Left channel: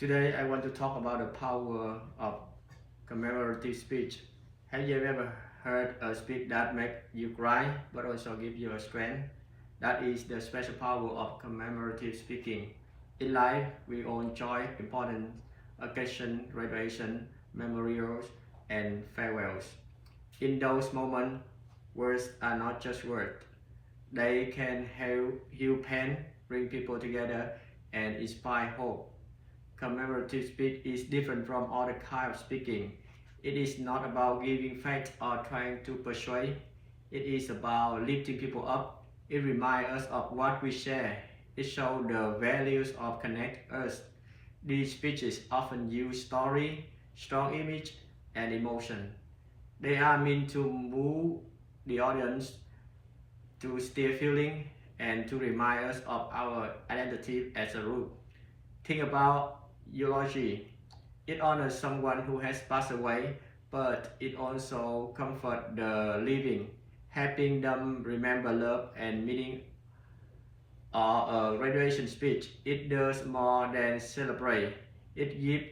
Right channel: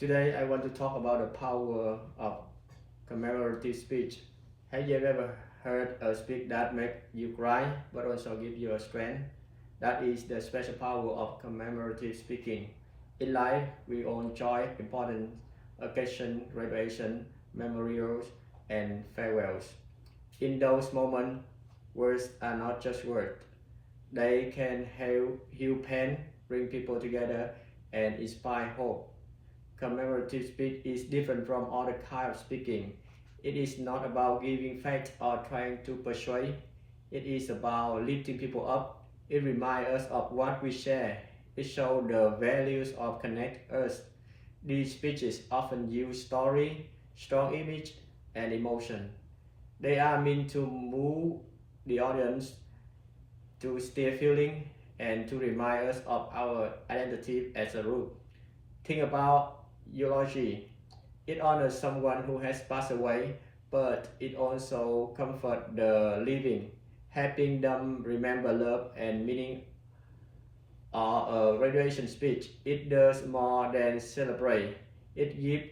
Today I want to talk about the power of commemorative speech. Have you ever heard a speech that makes you cry but also give you a strength? That is the special power of commemorative speaking. In life, we all enjoy important occasions, graduation, memorials, and farewells. In those moments, words are not just words. They can heal pain, bring people together, and inspire hope. Commemorative speech is different from other kind of speaking. It is not about giving facts or trying to persuade. It is about lifting people up. It reminds us of what we share. It shows the values of connect us. These speeches often use story, strong image, and emotion. They are meant to move the audience to stir feeling and to remind us of our identity as a group. Think about eulogy. It honors someone who has passed away, but it also comforts the living, helping them remember love and meaning. Or a graduation speech, it does more than celebrate. It gives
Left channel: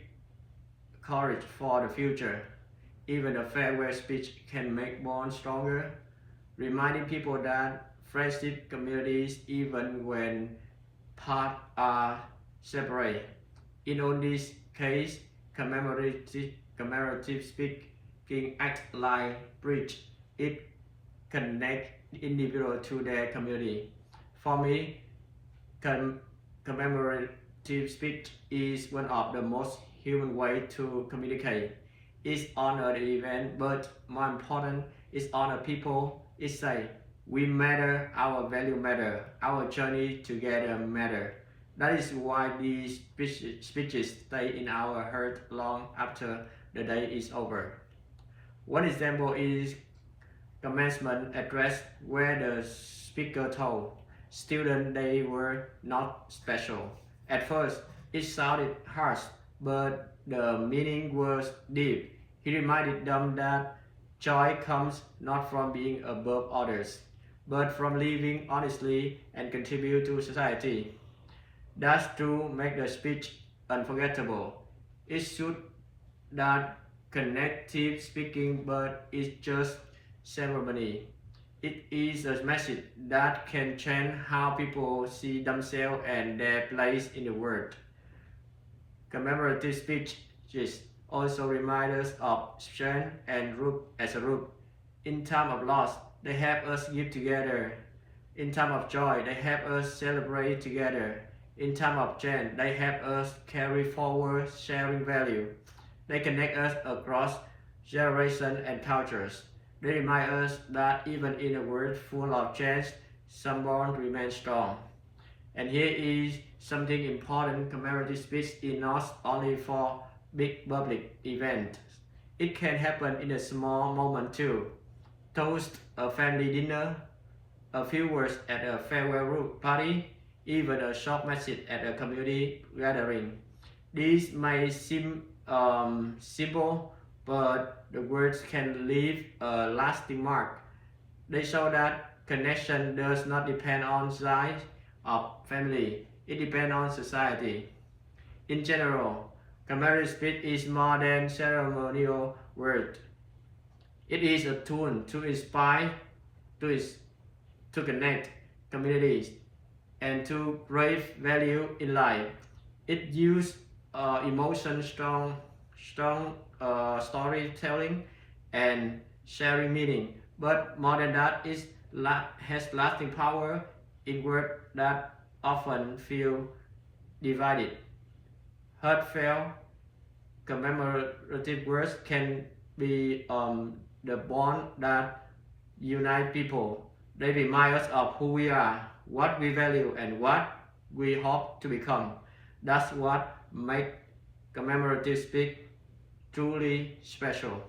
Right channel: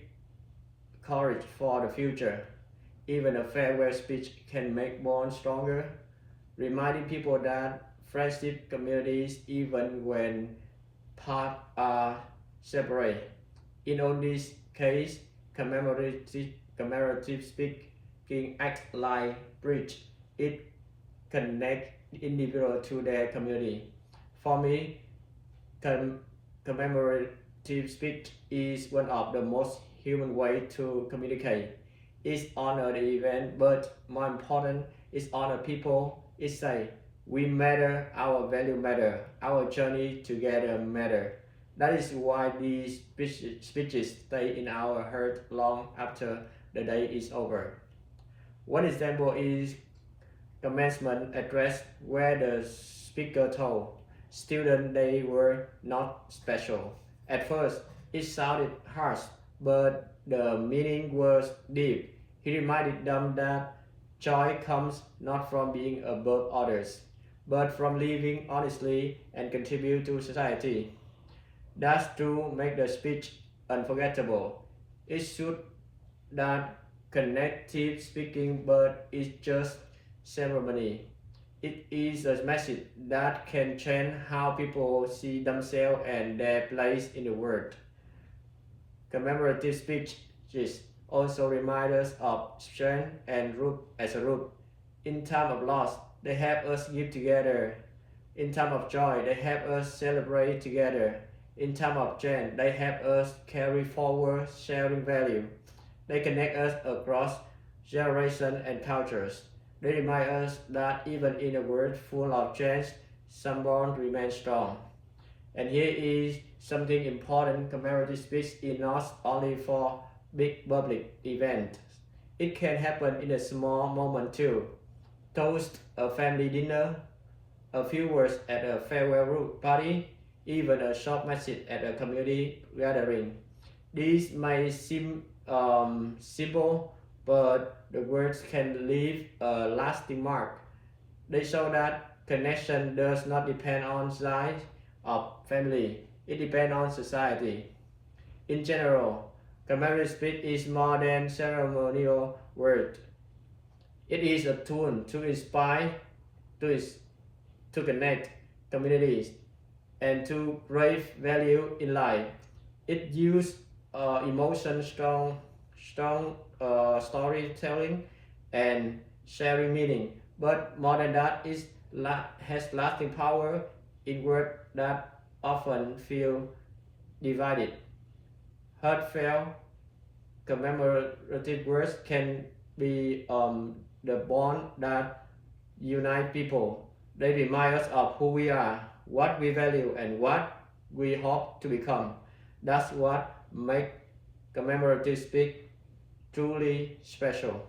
courage for the future. Even a farewell speech can make bonds stronger, reminding people that friendship communities even when paths are separate. In all these cases, commemorative speaking acts like bridge. It connects individuals to their community. For me, commemorative speech is one of the most human ways to communicate. It's honor the event, but more important, it's honor people. It say, we matter, our value matter, our journey together matter. That is why these speeches stay in our heart long after the day is over. One example is commencement address where the speaker told students they were not special. At first, it sounded harsh, but the meaning was deep. He reminded them that joy comes not from being above others, but from living honestly and contribute to society. That's to make the speech unforgettable. It should that connective speaking, but it's just ceremony. It is a message that can change how people see themselves and their place in the world. Commemorative speeches also remind us of strength and group as a group. In time of loss, they help us give together. In time of joy, they help us celebrate together. In time of change, they help us carry forward sharing value. They connect us across generations and cultures. They remind us that even in a world full of change, some bonds remain strong. And here is something important: commemorative speech is not only for big public events. It can happen in a small moment too. Toast a family dinner, a few words at a farewell party, even a short message at a community gathering. These may seem simple, but the words can leave a lasting mark. They show that connection does not depend on size of family, it depends on society. In general, commemorative speech is more than ceremonial word. It is a tool to inspire, to connect communities, and to create value in life. It uses emotion, strong storytelling, and sharing meaning. But more than that, it has lasting power in words that often feel divided. Heartfelt, commemorative words can be the bond that unite people. They remind us of who we are, what we value, and what we hope to become. That's what makes commemorative speech truly special.